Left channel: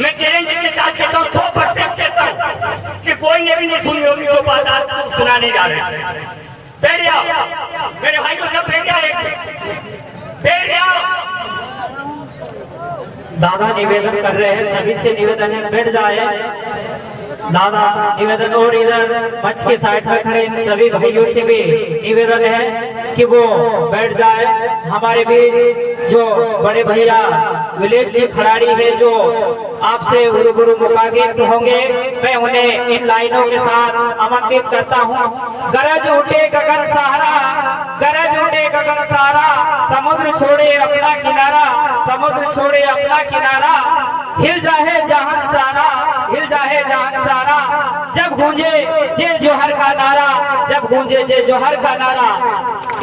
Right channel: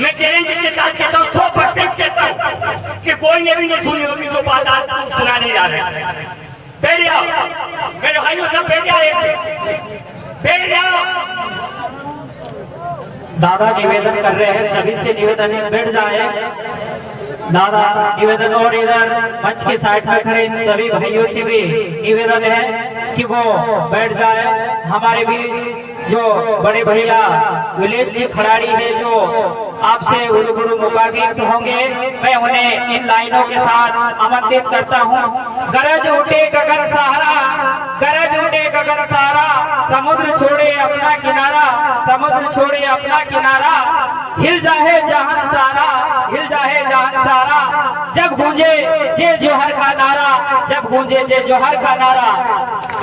मैं चैलेंज के साथ कहता हूँ, 100% कहता हूँ कि कोई ने भी नहीं सुनी होगी जो बात आज सुनाने जा रहे हैं। बैठ जाओ मेरे भाइयों, सब बैठ जाओ, एक बैठ जाओ। दादा निवेदन कर रहे हैं, सभी से निवेदन है बैठ जाए। दादा निवेदन, और इधर मंच के साइड में खड़े इन सभी भाइयों से भी निवेदन है कि वो बैठ जाए। हमारे बीच जो बड़े भैया विलेज जी खिलाड़ी है जो आपसे गुरु मुखागित होंगे, मैं उन्हें इन लाइनों के साथ आमंत्रित करता हूँ। गरज उठे गगन सहारा, गरज उठे गगन सहारा, समुद्र छोड़े अपना किनारा, समुद्र छोड़े अपना किनारा, हिल जाए जहान सारा, हिल जाए जहान सारा, जब गूंजे जे जोहर का नारा, जब गूंजे जे जोहर का नारा।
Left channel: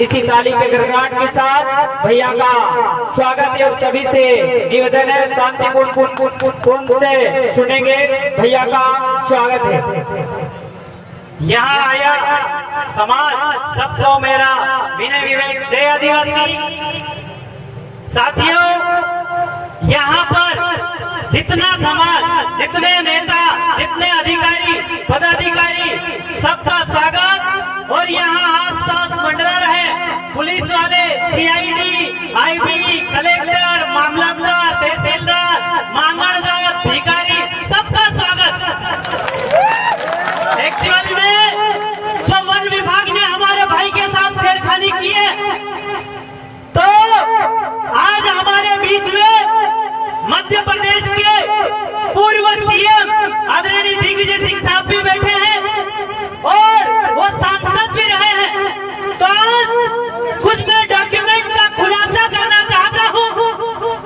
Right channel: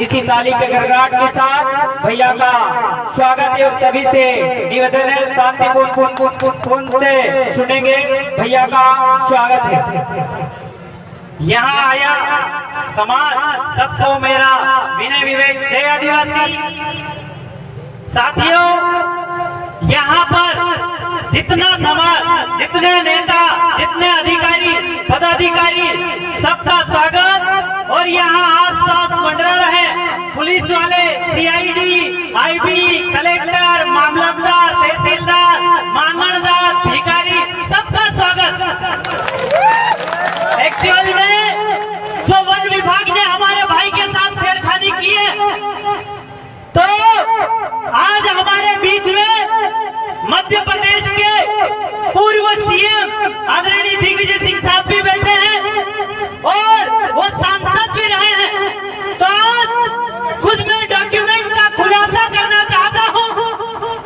इसी ताली के गड़गड़ाहट के साथ भैया का स्वागत है और सभी से निवेदन है शांतिपूर्ण से सुनेंगे। भैया का स्वागत है। यहाँ आया समाज सबको मेरा विनय विवेक जय आदिवासी। साथियों, यहाँ पर जितना समाज, जितने नेता, जितने अधिकारी पदाधिकारी, सबका स्वागत। और यहाँ आसपास मंडरा रहे पुलिस वाले, सीआईडी, आईबी, कलेक्टर, मामलतदार, तहसीलदार, मांगणदार, भिखारी, सबका स्वागत। एक्चुअल में जो वन विभाग ने हमारे भाई के साथ छेड़खानी की है, तो आज हमारे बीच में मध्य प्रदेश के पूर्व सीएम आदरणीय दिग्विजय सिंह साहब भी बैठे हैं और वो सांसद भी रहे हैं। तो कुछ मैं डॉक्यूमेंट का खुलासा करना चाहता हूं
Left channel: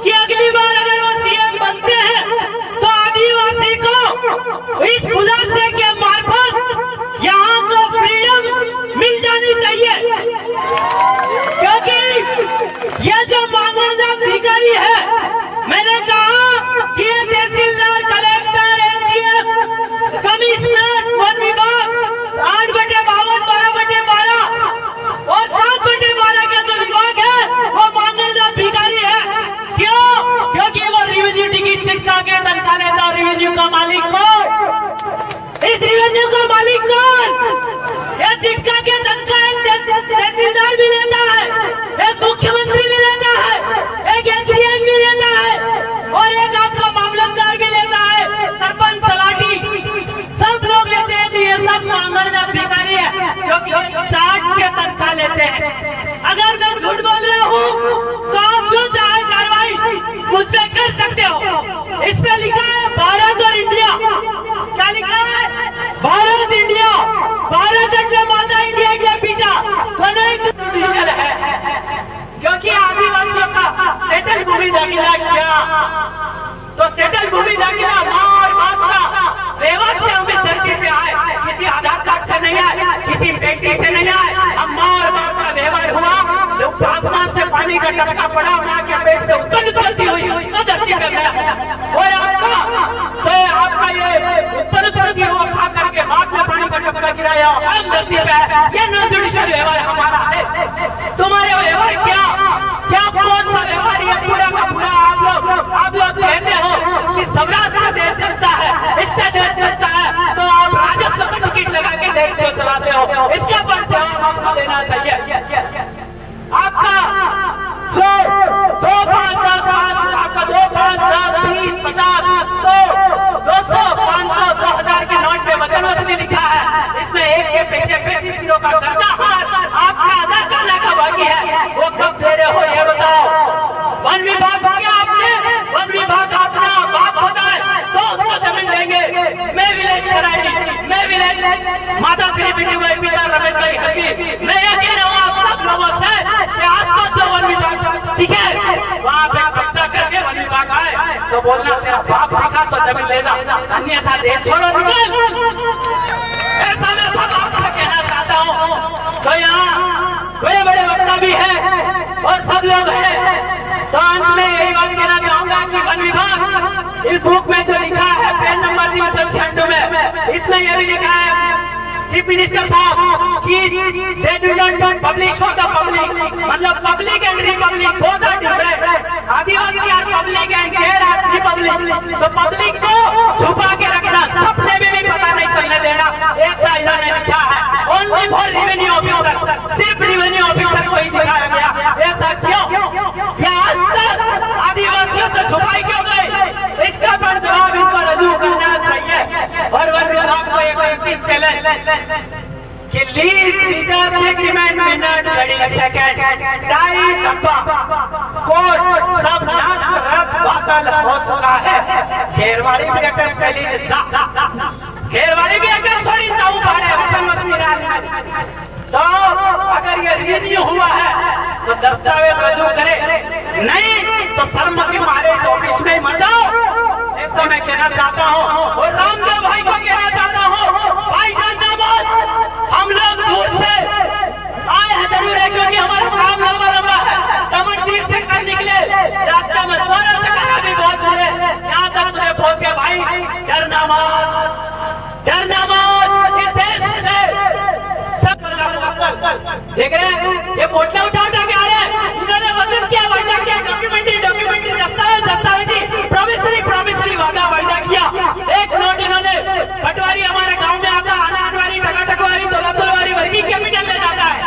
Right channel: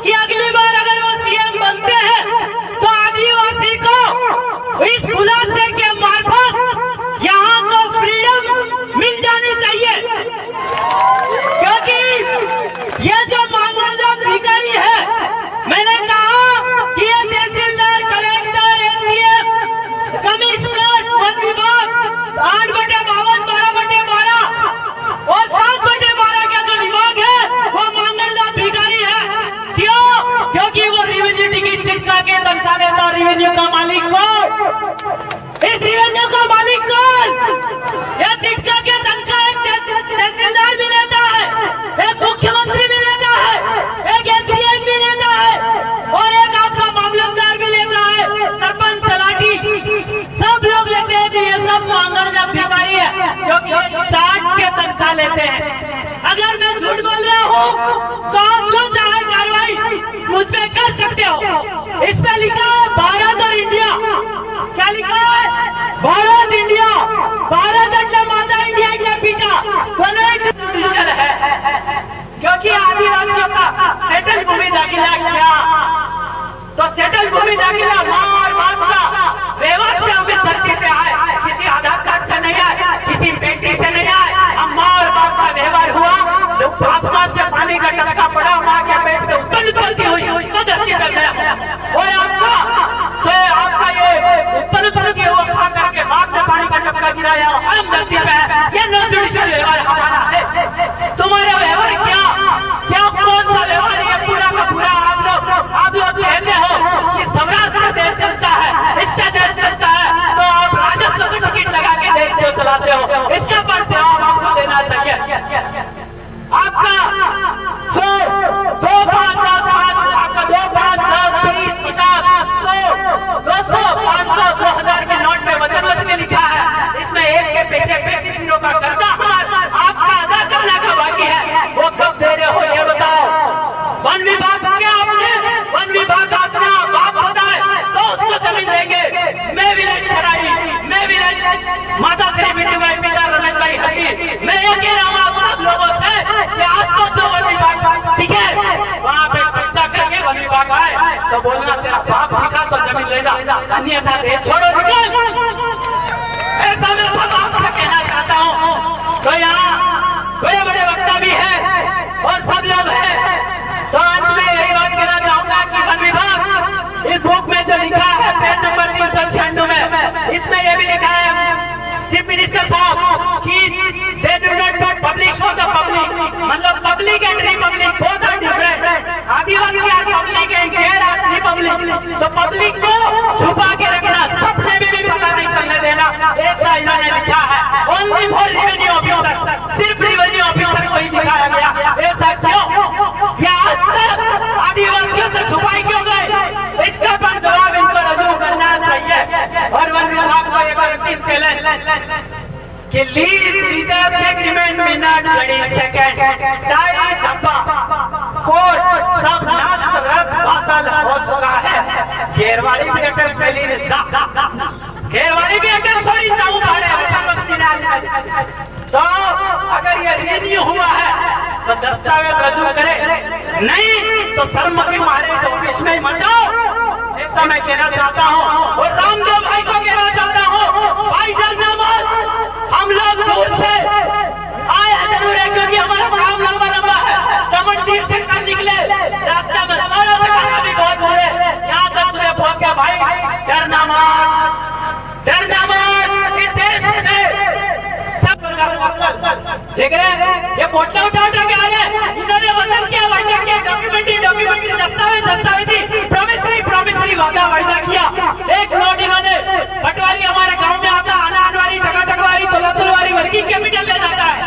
कि अगली बार अगर वो सीएम बनते हैं तो आदिवासी को इस खुलासे के मार्फत यहाँ को फ्रीडम मिल जानी चाहिए, क्योंकि ये जो मांगणदार अधिकारी है, मैंने कहा कि ये तहसीलदार, कलेक्टर, एसडीएम, कमिश्नर, वन विभाग 8/52, 12/12 और 7/12 के जो विभाग है वो मांगणदार भिखारी है। क्यों? क्योंकि वो रेवेन्यू टिकट चिपका के तनख्वाह देता है। रेवेन्यू का मालिक कौन? इस रेवेन्यू का मालिक कौन? ये चिपका के तनख्वाह तहसीलदार भी लेता है, एक मुख्यमंत्री भी लेता है, एक एसडीएम भी लेता है और एक आपका मामलतदार भी लेता है, सरपंच, तलाटी, सब लोग लेते हैं। तो ये सब मांगणदार भिखारी है जो चाट के तनख्वाह लेते हैं। अगर मैं झूठ बोल रहा हूँ तो आप जो चाहे कार्रवाई मुझ पे कर सकते हो। इस पे लिखा है भारत और इंडिया। क्या लिखा है? भारत इंडिया, भारत के माता इंडिया, इंडिया पीटा, दोनों एक जुडिशियल है। क्योंकि आदिवासियों का सेटल भूमि दाखिला किया, तो सेटल भूमि दाखिला माँ और बाप का व्यवहार से हम इस धरती पे आए, किसी आधार कार्ड से नहीं आए, किसी बेटी से नहीं आए। हम माँ और बाप का व्यवहार हुआ, जब आसमान से पानी का टपका पड़ा, माँ के पेट से उत्पत्ति हुई तो धरती पे मैं हूँ। और आपका ये उत्पत्ति हुआ खा करके बाप ने पानी का टपका गिराया, हम धरती पे है। ये नॉन जुडिशियल व्यवहार हमारा है। तुम्हारा व्यवहार क्या कौन सा व्यवहार? ये पूरा का पूरा आप लोग कहते हो कि स्वराज से देश चलता है, इससे देश चलता है, तो आप राजस्व को टिकट लगा के देश को चलाते हो। इसका पर जवाब आपको देना चाहिए। आपका जो 2, 5, 10, आपका 2, 5, 10, 20, 50, 100, 200, 500, 2000 के नोट पे वजन में लिखा है। इसमें एक के पीछे 35 का कर्जा आपका अदा करने का बाकी है, वो कब दे रहे हो ये बताओ। वन विभाग क्या आपने, वन विभाग अपना बाप होता है तो उसको जमीन देंगे। मैं विलेज खिलाड़ी, मैं विलेज माता श्री बिट्टू भाई, पिता रमेश भाई हजी, मैं ये कह रहा हूँ आप सब लोगों से कि आसपास जो वन विभाग ठीक है वहाँ पे कब्जा करके वन विभाग आए तो बोलना तेरा बाप दिखा तो जमीन ले जा, अन्यथा दे छोड़ो निकल। ऐसा मैं सब आपसे कहना चाहता हूँ। तो यहाँ बड़े बड़े वक्ता भी है और सब लोग हैं, तो अंत में यही बात कहना चाहूंगा कि वन विभाग इस बुक में जो लिखा है पेज नंबर 396 में, इसमें यह भी लिखा है चीफ मिनिस्टर साहब कि they do not publish for the public, मतलब public and republic both are different. आदिवासी are public and there are republic. तो पब्लिक को छुपा के रखना, सपने में भी पता नहीं चलने देना, ऐसा इन्होंने लिखा है। ओनली फॉर रेवेन्यू ऑफिसर, सिर्फ रेवेन्यू ऑफिसर को ही दिखाया गया। ऐसा क्यों? या आज तक आदिवासियों से छुपाई क्यों गए? इसका पर जवाब इनको रजू करना चाहिए। और वन विभाग को एक अंतिम चैलेंज कि लीज लीजर्स एग्रीमेंट में नॉट घड़ी सेकंड टाई डब्बा कोर्ट सब नष्ट बातल हो चुका है। घेरवाड़ी भी अटैच पहली घेरवाड़ी भी अटैच थोड़ी सा ऊपर है समझ। तो अगर ये रिन्यू हुआ है तो दस्तावेज रजू करे, नहीं तो शर्म के मारे इस ऑफिस में मत जाओ, ऐसा मैं कहना चाहता हूँ। और रामदेव भाई को कहना चाहता हूँ, भाई डरना मत, हम लोग दूर से आए जरूर है क्योंकि हमारा काम लंबा लंबा है। दमनदीप से कल निकले, रास्ते में थोड़ा सा खाना भी बहुत बुरे, यहाँ तक सुबह पहुँच गया। भाई डरना मत, डरना मत, इस देश में देख रहे हैं ये बोतला उठा उठा के आ रहे हैं। इन्होंने वचन किया, वायदा किया, डॉक्यूमेंट्री दस्तावेज प्रॉमिसरी वायदा किया। एक नोट इन्होंने पटवारी हमारे गांव में आता, अनारवारी, टकाटकवारी, दौलतुलवारी वर्किंग कैपिटल ले जाता है,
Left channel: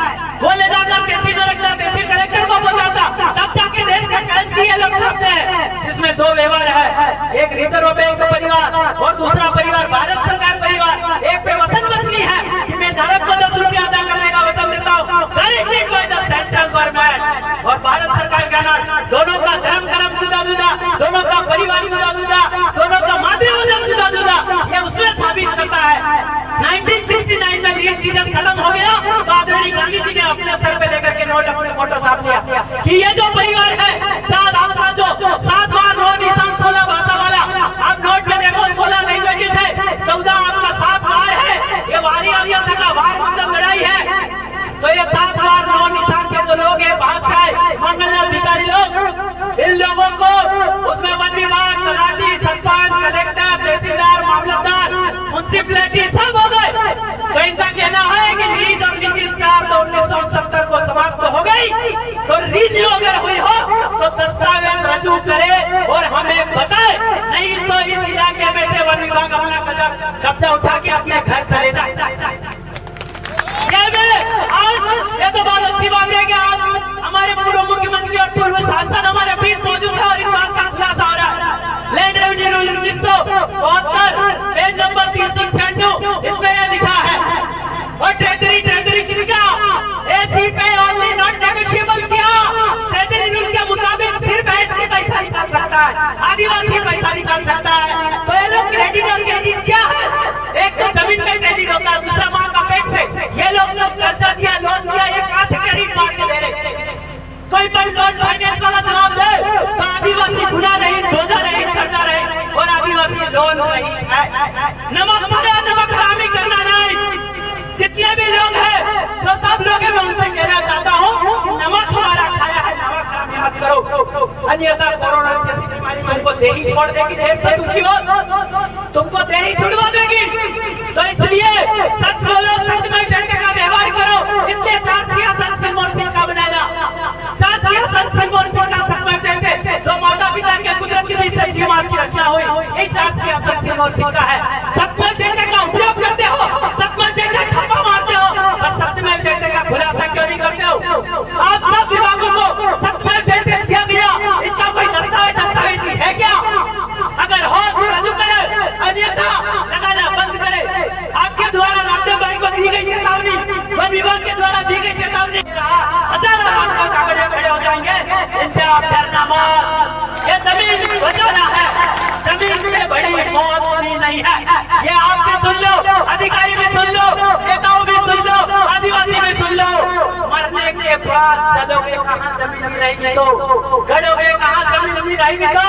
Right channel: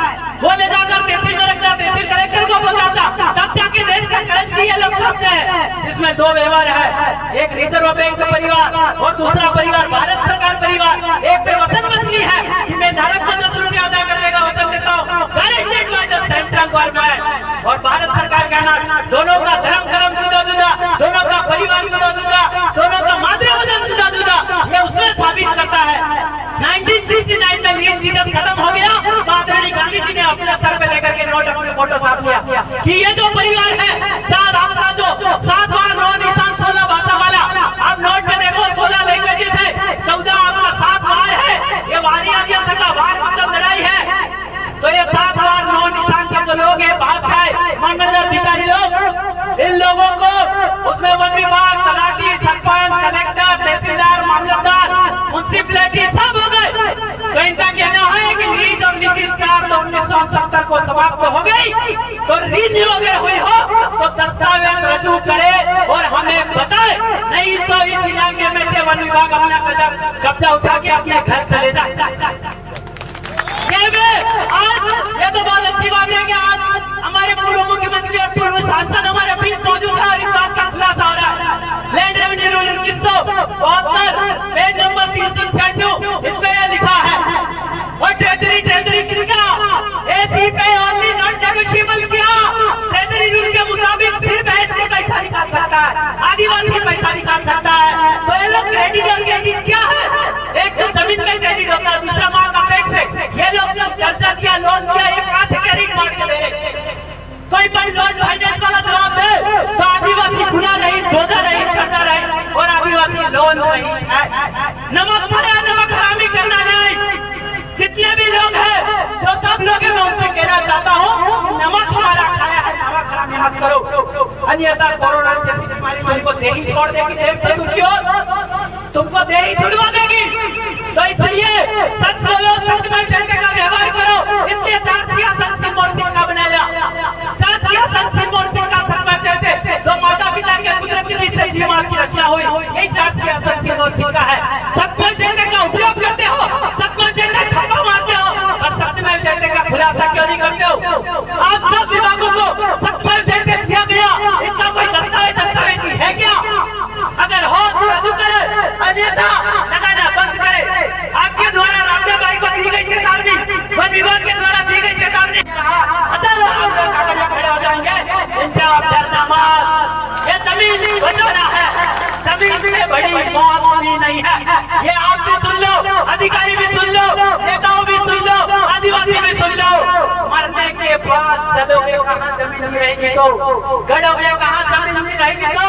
वो ले जाकर तहसील में रखता, तहसील कलेक्टर को पहुंचाता, तब जाके देश का करेंसी ये लोग छापते हैं। इसमें दो व्यवहार है, एक रिजर्व बैंक का परिवार और दूसरा परिवार भारत सरकार परिवार। एक पे वचन बचनी है कि मैं धारक को 10 रुपया अदा करने का वचन देता हूँ, guaranteed by the central government. और भारत सरकार कहना दोनों का धर्म कर्म जुदा जुदा, दोनों का परिवार जुदा जुदा, दोनों का मातृवचन जुदा जुदा, ये उसमें साबित करता है। 1969 में लीज लीजर्स खत्म हो गया तो आदरणीय गांधी जी ने अपने सर पे लेकर के नोट अपने फोटो साफ किया कि ये जो परिवार है, चार आपका जो 7 बार 9 निशान 16 भाषा वाला, आप नोट में देखो 16 लैंग्वेजेस है, 14 आपका 7 बार है, ये वारी आविया का वार मतलब लड़ाई है। तो ये 7 बार 9 निशान के जो लोग हैं, बादशाह मंगलदार भिखारी लोग, इन लोगों को उसमें वन विभाग, तलाटी, सरपंच, कलेक्टर, तहसीलदार, मामलतदार, म्युनिसिपैलिटी सब हो गए। तो इनका कहना है कि लीज और लीज 4 तो 1969 को समाप्त हो गई, तो रिन्यू अगर हुई हो तो दस्तावेज रजू करे और हमें बताए, नहीं तो इस इलाके में से वन विभाग अपना कब्जा उठा के अपने घर चले जाए। ये तो बहुत अच्छी बात है कि आज हमारे पूर्व मुख्यमंत्री और पूर्व सांसद हमारे बीच मौजूद है और इस बात का खुलासा हो रहा है। Land revenue rule 1972 page number 396 इसमें यह लिखा है, और ट्रेजरी किसका ऐसी पे ओनली नॉट नेगोशिएबल किया। ट्रेजरी रूल के मुताबिक सिर्फ ऐसे पैसा निकाल सकता है, आदिवासी पैसा निकाल सकता है। तो ये लोग क्रेडिट और क्रेडिट क्या है? एक तो जमीन में क्रेडिट होता है, दूसरा माँ का पेट से। ये लोग कर्जा दिया, लोन दिया, एक हाथ से क्रेडिट मार के ले रहे। कोई लोन फाइनेंस वाला जवाब दे तो आदिवासी गुना नहीं, बोझा नहीं, कर्जा नहीं, और आदिवासी लोन नहीं है। नमक खाया, नमक हरामी करना नहीं। जितने भी लोग हैं, जो सब लोग हैं, मैं उनसे कहना चाहता हूँ, नमक हमारा खाया है, नमक हरामी मत करो, अन्यथा कोरोना जैसी बीमारी तुमको दे ही छोड़ देगी। देश तो दुखी हो, तुमको दे ही छुड़वा देगी। तो इसलिए सच बोलो, सच में जनता का व्यवहार करो। इसलिए 4 सियासत से मोर्चा का बनाया, 4 सियासत से मोर्चा का समझ थे, जो माता पिता के कुदरती बीच से जीवन की रचना हुई, यही 4 सियासत से मोर्चा है। सत्य जनता का उपयोग करते हो, सत्य जनता ठप्पा मारते हो, और सत्य में जनता का खुलासा क्यों नहीं करते हो? आप सब विभागों को सत्य में जनता दिया गया, इसका कोई दस्तावेज है क्या? अगर हो तो रजू करे, अन्यथा लगाना बंद करे। आपके द्वारा रामदेव भाई को दी गई चेतावनी, वन विभाग के द्वारा दी गई चेतावनी, हजारों लोग कागज खड़े हो जाएंगे। इनसे आप डरना मत, ये जमीन बचाना है, जमीन से बड़ी मौत होनी नहीं है। ये आप भी सुन लो, अधिकारी भी सुन लो, नेताओं भी सुन लो, आदिवासी भी सुन लो। मरने के बाद चलोगे कहाँ जमीन नहीं रहेगी, तो गड़ोगे कहाँ जमीन नहीं रहेगी। तो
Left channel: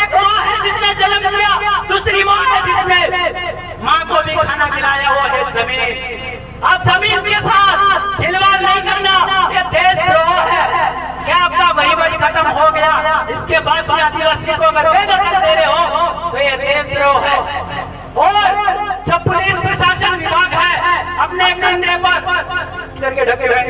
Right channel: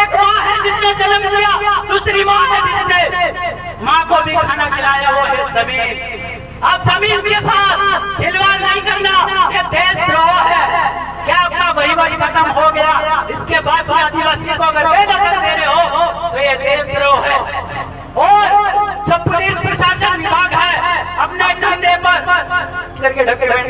एक माँ है जिसने जन्म दिया, दूसरी माँ है जिसने माँ को भी खाना खिलाया, वो है जमीन। अब जमीन के साथ खिलवाड़ नहीं करना, ये देशद्रोह है। क्या आपका वहीवट खत्म हो गया, इसके बाद भी आदिवासी को अगर बेदखल दे रहे हो तो ये देशद्रोह है। और जो पुलिस प्रशासन विभाग है, इधर के ढके बैठ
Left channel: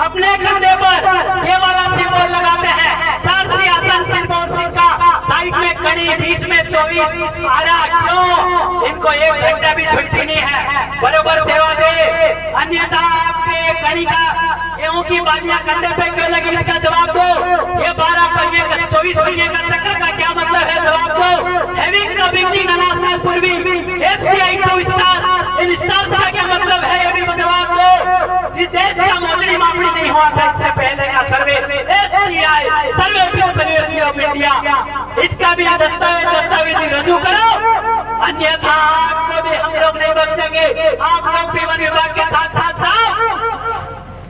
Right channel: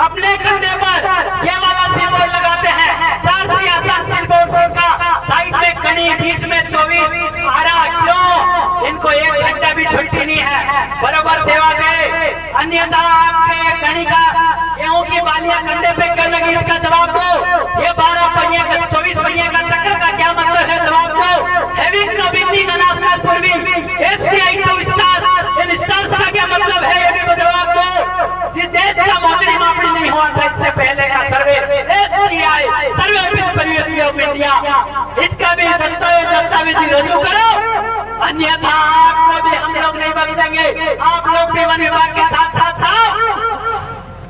अपने कंधे पर ये वाला सिंबल लगाते हैं, 4 सियासत सिंबल का, साइड में कड़ी, बीच में 24 आरा। क्यों? इनको 1 घंटा भी छुट्टी नहीं है, बराबर सेवा दे, अन्यथा आपके कड़ी का गेहूं की बालियां कंधे पे क्यों लगी, इसका जवाब दो। ये 12 पहिए का 24 पहिए का चक्कर का क्या मतलब है, जवाब दो। हैविंग द बिगनिंग अनाउंसमेंट पूर्वी एसबीआई 2 स्टार्स, इन स्टार्स का क्या मतलब है, ये भी जवाब दो। जिस देश का मोदी मामली नहीं हुआ था इससे पहले का survey, SBI survey university of India, इसका भी दस्तावेजी रजू करो, अन्यथा आपको भी हम लोग नहीं बख्शेंगे। आप लोग भी वन विभाग के साथ साथ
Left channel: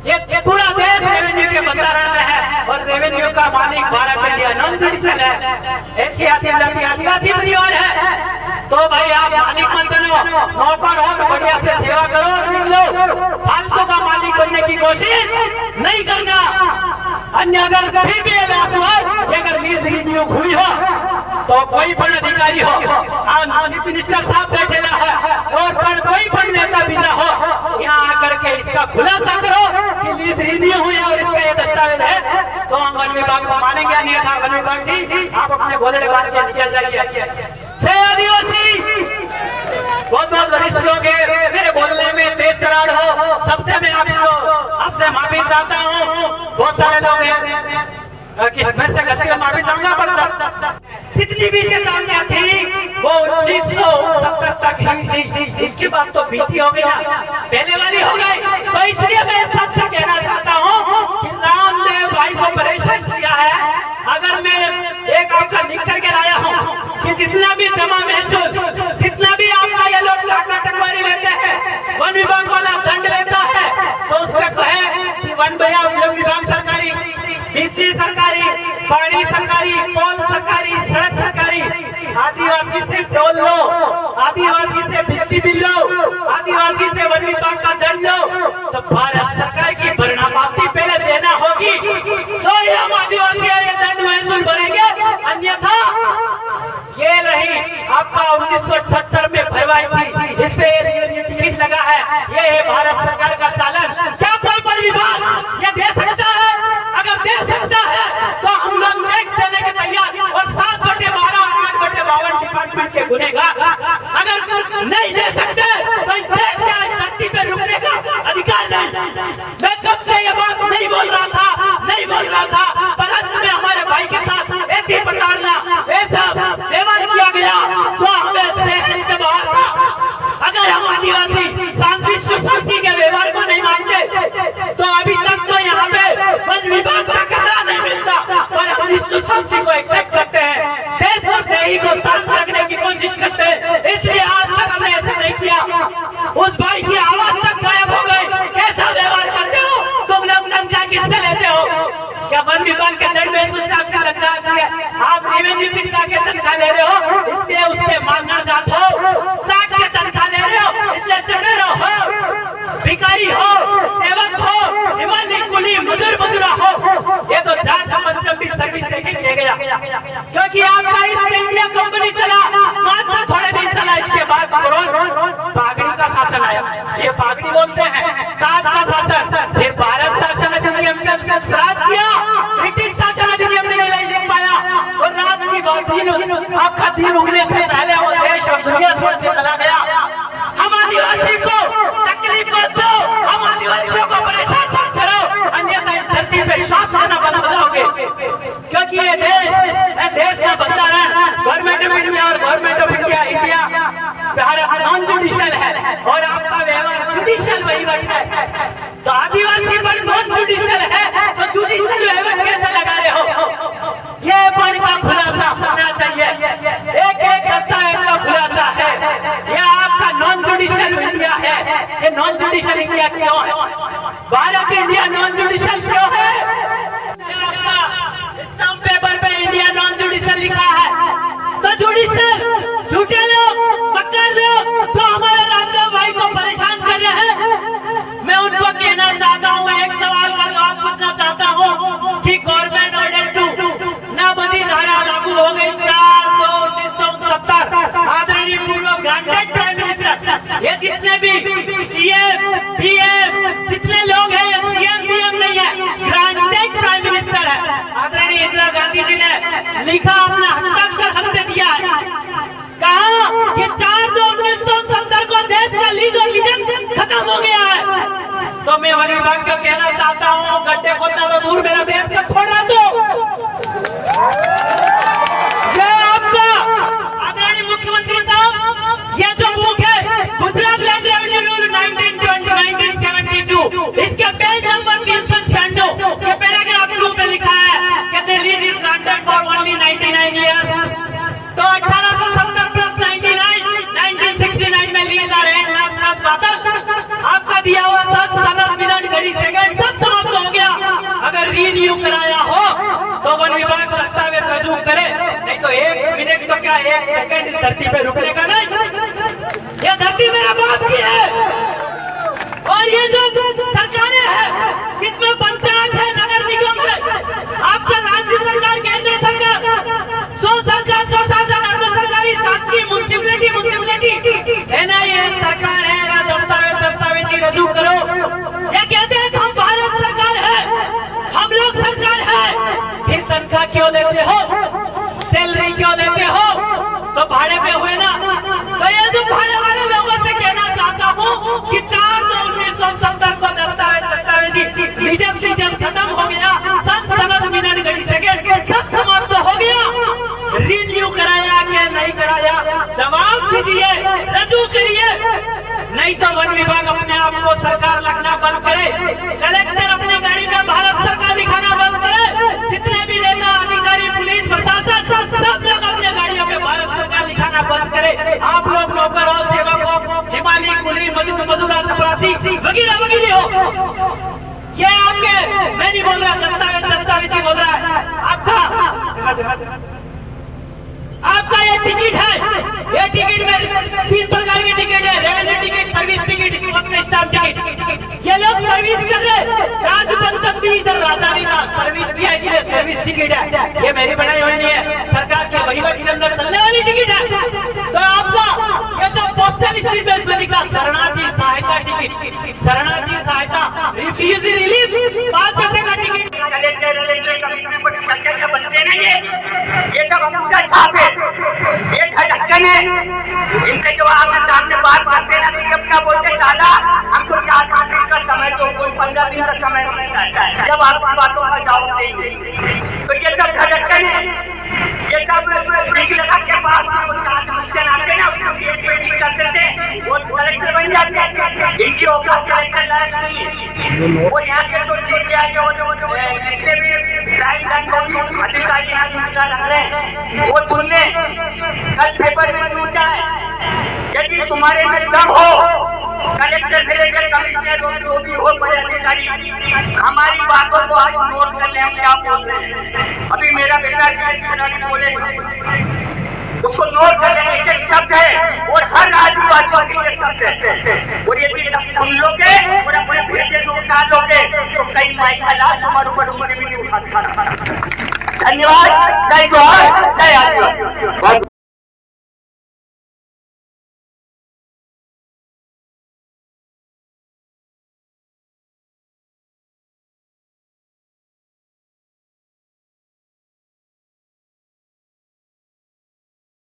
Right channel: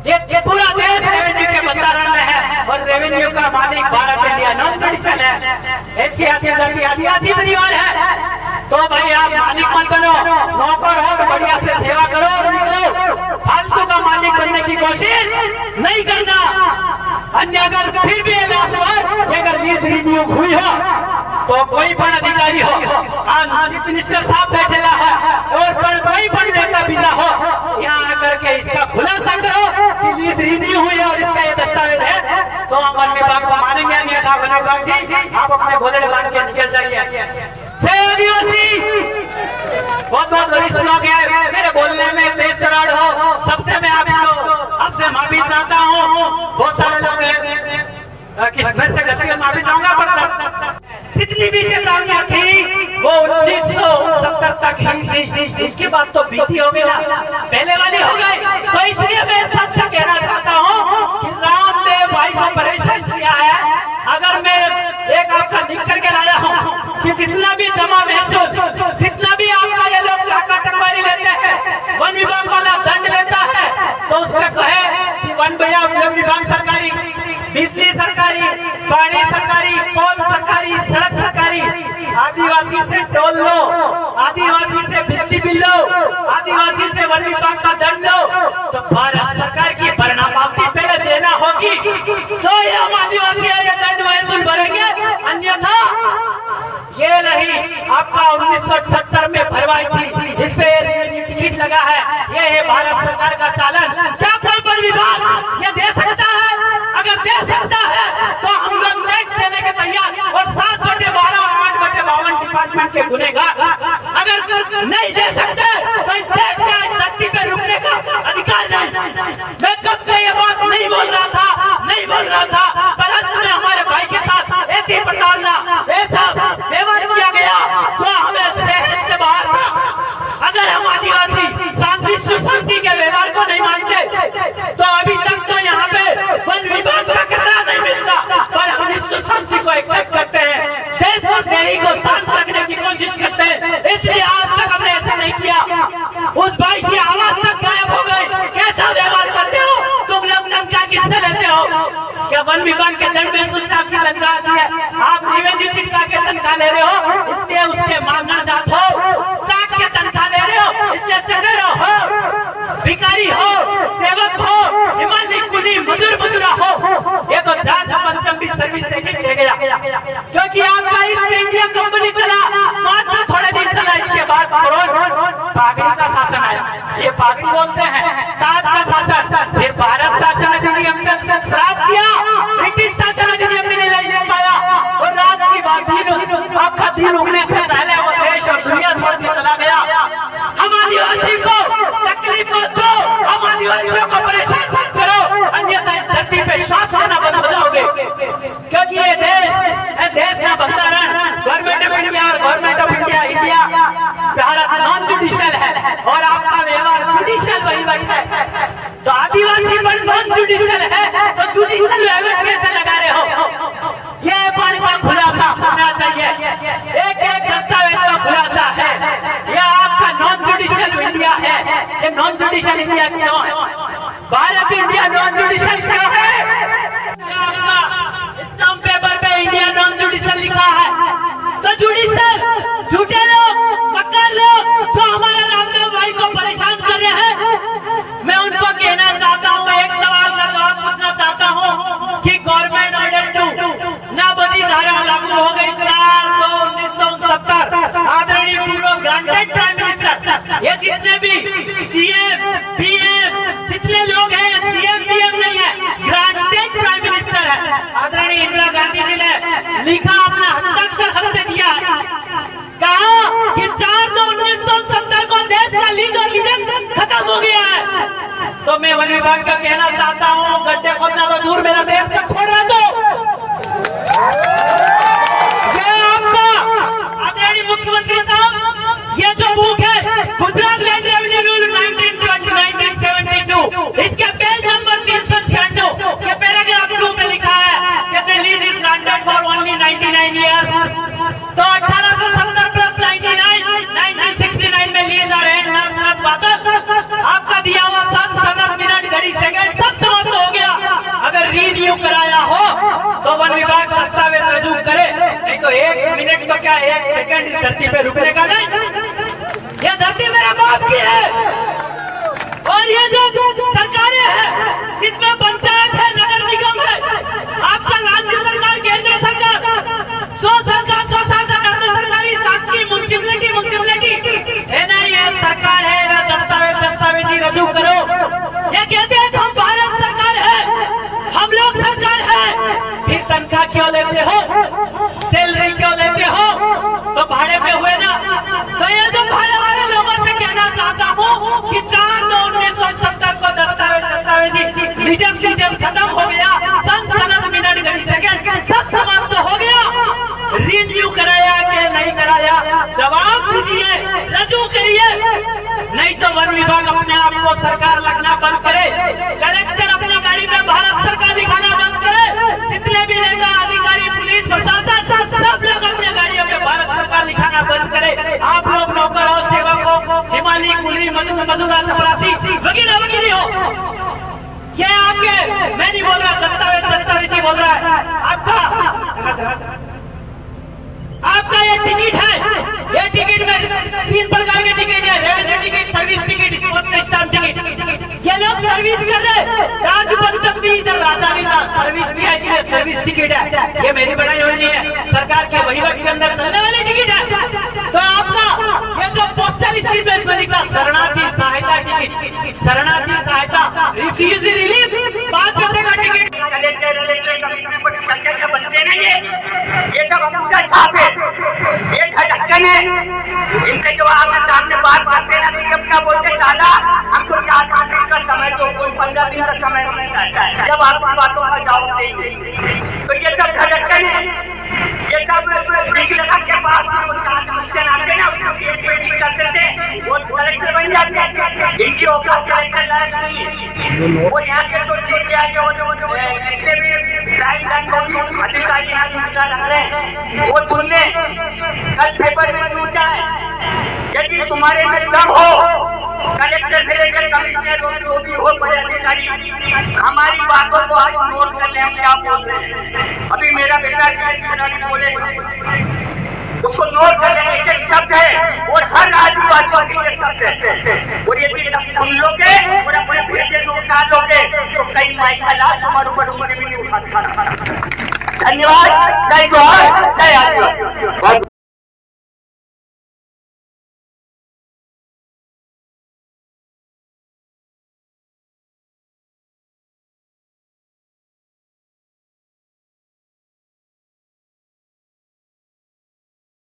ये पूरा देश रेवेन्यू के बंधारण में है और रेवेन्यू का मालिक भारत इंडिया नॉन जुडिशियल है, एशिया जनजाति आदिवासी परिवार है। तो भाई आप मालिक मत बनो, नौकर हो तो बढ़िया से सेवा करो और निकलो, फालतू का मालिक बनने की कोशिश नहीं करना। अन्य अगर फिर भी अगर लीज रिन्यू हुई हो तो कोई पण अधिकारी हो, चीफ मिनिस्टर साहब बैठेला है और कोई पण नेता बीजा हो, यहाँ आकर के इसका खुलासा करो कि लीज रिन्यू हुई है और इसका ये दस्तावेज है, तो हम वन विभाग को मानेंगे, अन्यथा वन विभाग जी आप अपने गोले बांध के निकल जाइए। जय आदिवासी। बहुत बहुत वरिष्ठ लोग हैं, मेरे बोलने में तेज तरार हो, सबसे मैं आपसे माफी चाहता हूँ। बहुत सारे लोग हैं मैं से गलती से माफी चाहूंगा, पर जितनी भी चेतावनियां थी वो 1969 तक ही थी, इसके बाद तो बीती हो गई ना, पहले वाली हो गई। तो इसलिए मैं सबसे कहना चाहता हूँ कि रामदेव भाई को परेशान किया है। अगर मैं एक आपका लिख करके लाया हूँ कि जितना भी जमा महसूस, जितना भी आपका ये लोग टाका टकवारी लेते हैं, वन विभाग वाला दंड लेता है, तो उसको कहे कि वन विभाग सरकारी, बिजली सरकारी, पानी सरकारी, पोल सरकारी, सड़क सरकारी, आदिवासी से टोल लो, आदिवासी से बिजली बिल लो, आदिवासी से वन विभाग का दंड लो, तो भारत सरकार की भरना पावती पहले देना होगी, तो ये हम आदिवासी ये दंड महसूल भरेंगे, अन्यथा ये रही आपका 1978 में भरवाई थी, इस पे टिकट लगा है, ये है भारत सरकार का चालन। क्या कोई वन विभाग ये दे सकता है? अगर दे सकता है तो हम लोग टैक्स देने के तैयार, और 7/12 8/52 डिपार्टमेंट के गुनेगार। अगर नहीं दे सकते तो इस देश के धरती पे रुकने का अधिकार नहीं। मैं कब से ये बात नहीं बोल रहा था, पर अंत में हमारे भाई के साथ ऐसी प्रकार का ऐसा व्यवहार किया गया जो हमें सहन से बाहर था। अगर हम आदिवासी शांति सुशांति के व्यवहार को नहीं मानते तो अभी तक तो यहाँ पे वन विभाग का कचरा नहीं मिलता, पर हम इस सुशांति को एक्सेप्ट करते हैं, देश और देही को शांत रखने की कोशिश करते हैं, इसलिए आज तक हमने ऐसा नहीं किया। उस भाई की आवाज तक गायब हो गई। कैसा व्यवहार करते हो तुम लोग? तनख्वाह किससे लेते हो? क्या वन विभाग के दंड में आपकी तनख्वाह आती है? आप रेवेन्यू चिटका के तनख्वाह ले रहे हो, इसके उसके मांगना जात हो, चाट के तनख्वाह ले रहे हो, इसलिए चढ़े हो, भिखारी हो, सेवक हो, हिमालय कुली मजदूरा हो, ये तो जाट पंचम भी सर्विस देके गया, क्योंकि आपका इस इंडिया कंपनी चला मात्र थोड़े दिन चला, इसके बाद पागड़ी का शासन आया, ये पागड़ी बोलते हैं, ताज का शासन, फिर भारत शासन अधिनियम से राज किया, ब्रिटिश शासन अधिनियम में नहीं ले पाया, और रात की बात आपका दिन उगने से पहले वो देश और दुनिया छोड़ के चला गया। हम आदिवासी को तकलीफ मत दो, हम आदिवासियों को परेशान मत करो, अन्यथा इस धरती पे श्वास लेना बंद हो जाओगे, क्योंकि ये देश का बंधारण गवर्नमेंट ऑफ इंडिया और government of India Bharat non judicial है और आपका व्यवहार जुडिशियल वहीवट है। तो आदिवासी पर नॉन जुडिशियल है तो जुडिशियल वहीवट कैसे लगा रहे हो? ये पानी का खुलासा होना चाहिए, एक दस्तावेज का खुलासा है, यह आपका नॉन जुडिशियल इंडिया है। ये नॉन जुडिशियल इंडिया क्यों है? भारत इंडिया नॉन जुडिशियल क्यों है? आपका स्टाम्प पेपर पे इंडिया नॉन जुडिशियल लिखा है, तो जुडिशियल झूठे लोग, मक्कार लोग जो हमारे रामदेव भाई को परेशान कर रहे हैं, मैं उनको कहना चाहता हूँ, एक सवाल का जवाब पूछना चाहता हूँ कि गवर्नमेंट ऑर्डर 2 ना बदी धारा लागू हो गई 4/2/1969, आदरणीय पूर्व ग्रांटेड प्राइम मिनिस्टर, ये जितने भी सीए वन विभाग का कहना चाहता हूँ, गड्ढे खोदना तो दूर, मेरा देश का छोड़ना तो ये आपका आदरणीय मुख्यमंत्री साहब, ये जो बुक है गुजरात लैंड रेवेन्यू रूल 1972, इसके पेज नंबर 396 के पैराग्राफ 2 में लिखा है कि the lease is granted for only 99 years. तो 1870 प्लस 99, 1969 में लीज आ रहे हैं ना सब बात। आपका दिया हुआ सब सनद, मिनट, घड़ी, सेकंड सब समाप्त हो गया। अगर रीन्यू कराया हो तो वन विभाग दस्तावेज रजू करे, नहीं तो 1 मिनट तो क्या 1 सेकंड इस धरती पे रुकने का नहीं। ये धरती मेरे बाप की है और ये जो सरकारें हैं जिसमें पंचायत है, नगर निगम है, आपका राज्य सरकार, केंद्र सरकार, सो सरकार, सो शासन, अर्ध सरकारी, शासकीय, म्युनिसिपैलिटी है ना, ये सरकार है ना, दस्तावेज ही रजू करो। ये कहते हैं कि हम भारत सरकार है, हम लोग सरकार है, फिर तनख्वाह क्यों देते हो, सैलरी क्यों देते हो, तो भाड़े पे हुए ना। तो ये जो भाड़े वाले लोगों से कहना चाहता हूँ कि 4/2/1970 को दस्तावेज लीजस खत्म हो गया, सनद, मिनट, घड़ी, सेकंड सब समाप्त हो गया। रिन्यू कराया कि नहीं कराया, जवाब दीजिए, रजू करिए, नहीं तो वन विभाग अपने आप को सरकार लगना बंद करे, कलेक्टर अपनी गाड़ी में भारत सरकार दिखाना बंद करे, जितने भी नेता, अधिकारी, पुलिस प्रशासन सब लोग अपने गाड़ियों में भारत सरकार दिखाना बंद करे। आप लोग नौकर हो, सेवक हो, हिमालय, कुली, मजूरा, चपरासी वगैरह वगैरह हो, ये आपके, मैं नहीं बोल रहा, दस्तावेज ही बोल रहा है। आपका ये टिकट है, ये टिकट में 3 प्रकार के टिकट है, railway ticket, service ticket, stamp ticket. ये लोग सर्विस कर रहे, राजपंचक भी इधर राजा भी था, सर्विस किया इसलिए सर्विस टिकट है। ये मेरी बनाई हुई नहीं है, सरकार के वहीवट के अंदर चलने वाली टिकट है। तो आपका ये जो पोस्टल स्ट्रीट में इसमें लिखा शरणार्थी सहायता टिकट, शरणार्थी सहायता, रिफ्यूजी रिलीफ, 5 पैसे का टिकट। बनते नहीं ये सब हम छाप है, ये ढक्कन है, इनसे जो आपके सामने बात करते हैं ना, जब क्या बोलते साला हमको 4 दिन का समय दो, कोई 15 दिन का समय मिलता है, जब आप बातों का जवाब देंगे तो ये सब ढक्कन है, ये सब लगा के पास मुश्किल आते ना, करते थे, वो कलेक्टर बन जाते हैं, इनकी औकात कलेक्टर लायक नहीं, वो यहाँ के तो ठीक है, जितने भी अधिकारी रख रहे हैं वो तुमने कल पेपर में पूछा है, यदि तुम्हारे में दम हो, कलेक्टर से लेकर कमिश्नर जो भी हो, बड़े अधिकारी हमारी बातों को आज नोट कर ले, हम क्या बोल रहे हैं। अभी मेरा बेटा बोले उसको नोट कर लेने के शब्द है और हर आदिवासी के शब्द है, और यदि सुन लोगे और अपने भेजे को उठा लोगे तो कई माई का लाश हमारे ऊपर भी नहीं उठा। धन्यवाद, जय जोहार, जय आदिवासी।